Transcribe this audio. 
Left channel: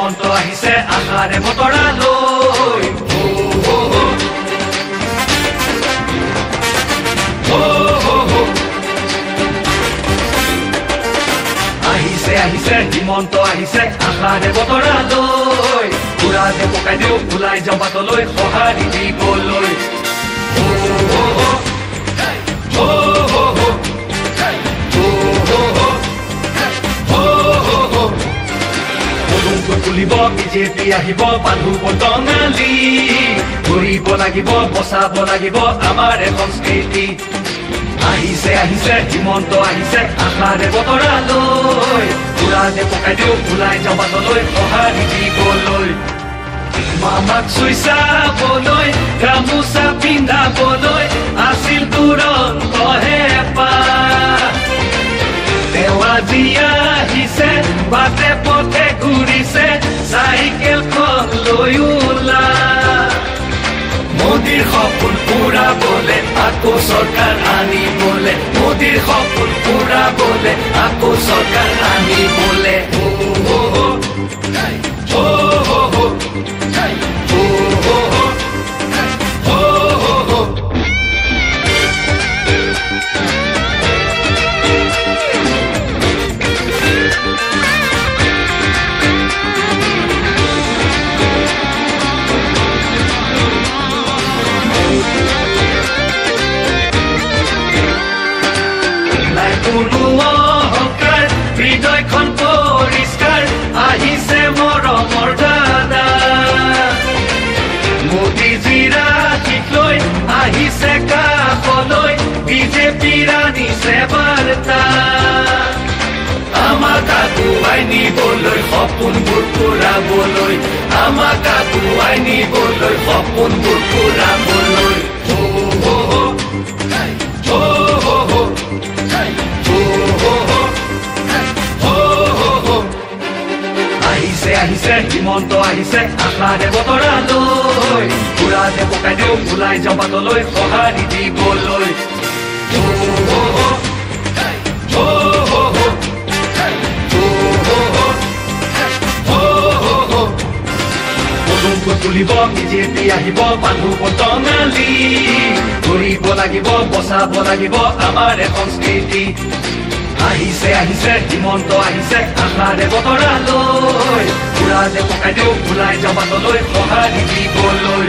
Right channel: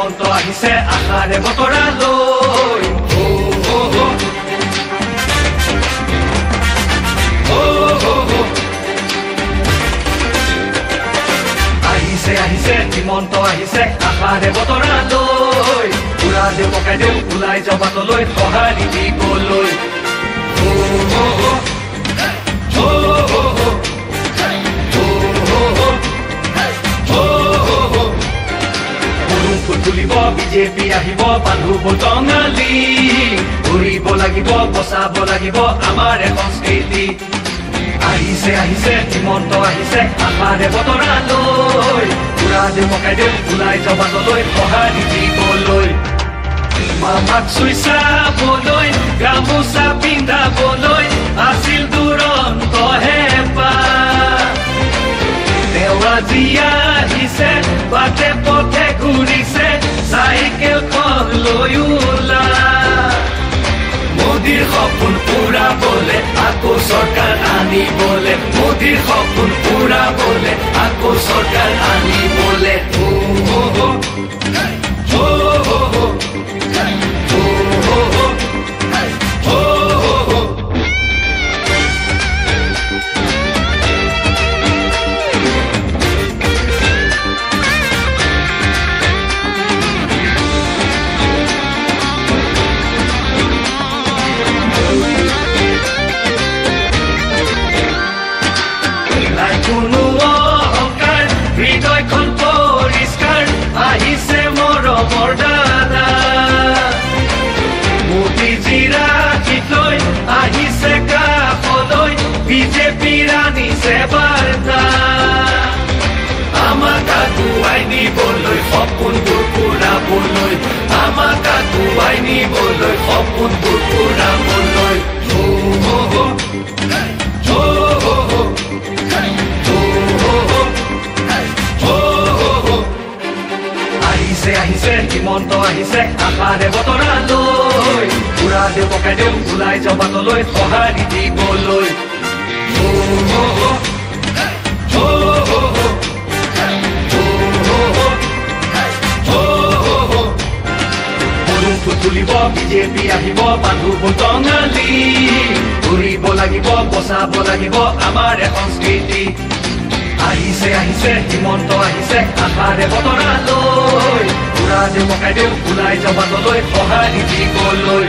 হিমন্ত আহিছে আশাৰে বতৰালৈ আহিছে আহিছে হিমন্ত আহিছে আশাৰে বতৰালৈ পুৰা দে পকাই দেউ ওলাই যাওঁ বাটলৈ সঁহাৰি দিবলৈ তুলিব বিজেপি আহিব বান্ধু বটঙালী ঘূৰিব লাগিব বচাব লাগিব আমাৰ সংস্কৃতি আহিছে আহিছে হিমন্ত আহিছে আশাৰে বতৰালৈ পুৰা দে পকাই দেউ ওলাই যাওঁ বাটলৈ সঁহাৰি দিবলৈ মামাক চুই চাবলৈ গামোচা পিন্ধাবলৈ আছিল দুৰন্ত হেঁপাহ তেওঁ আজি আহিছে বাটে পথে ঘূৰিছে চাইকেলখন লৈ ওলা মোদীৰ সপোন পুৰাবলে আকৌ চৰকাৰ আনিবলে মোদীৰ সপোন পুৰাবলে আকৌ চৰকাৰ আনিবলে হৃদয়খন পৰিষ্কাৰ আহিছে মৰমৰ দাদা মোদীজীৰ আশীষ লৈ আহিছে কাষলৈ বিজেপিৰ আনিছে বাৰ্তা আমাক আগুৱাই নিবলৈ সপোনবোৰ পুৰাবলৈ আমাক আগুৱাই নিবলৈ সপোনবোৰ পুৰাবলৈ আহিছে আহিছে হিমন্ত আহিছে আশাৰে বতৰালৈ পুৰা দে পকাই দেউ ওলাই যাওঁ বাটলৈ সঁহাৰি দিবলৈ তুলিব বিজেপি আহিব বান্ধু বটঙালী ঘূৰিব লাগিব বচাব লাগিব আমাৰ সংস্কৃতি আহিছে আহিছে হিমন্ত আহিছে আশাৰে বতৰালৈ পুৰা দে পকাই দেউ ওলাই যাওঁ বাটলৈ সঁহাৰি দিবলৈ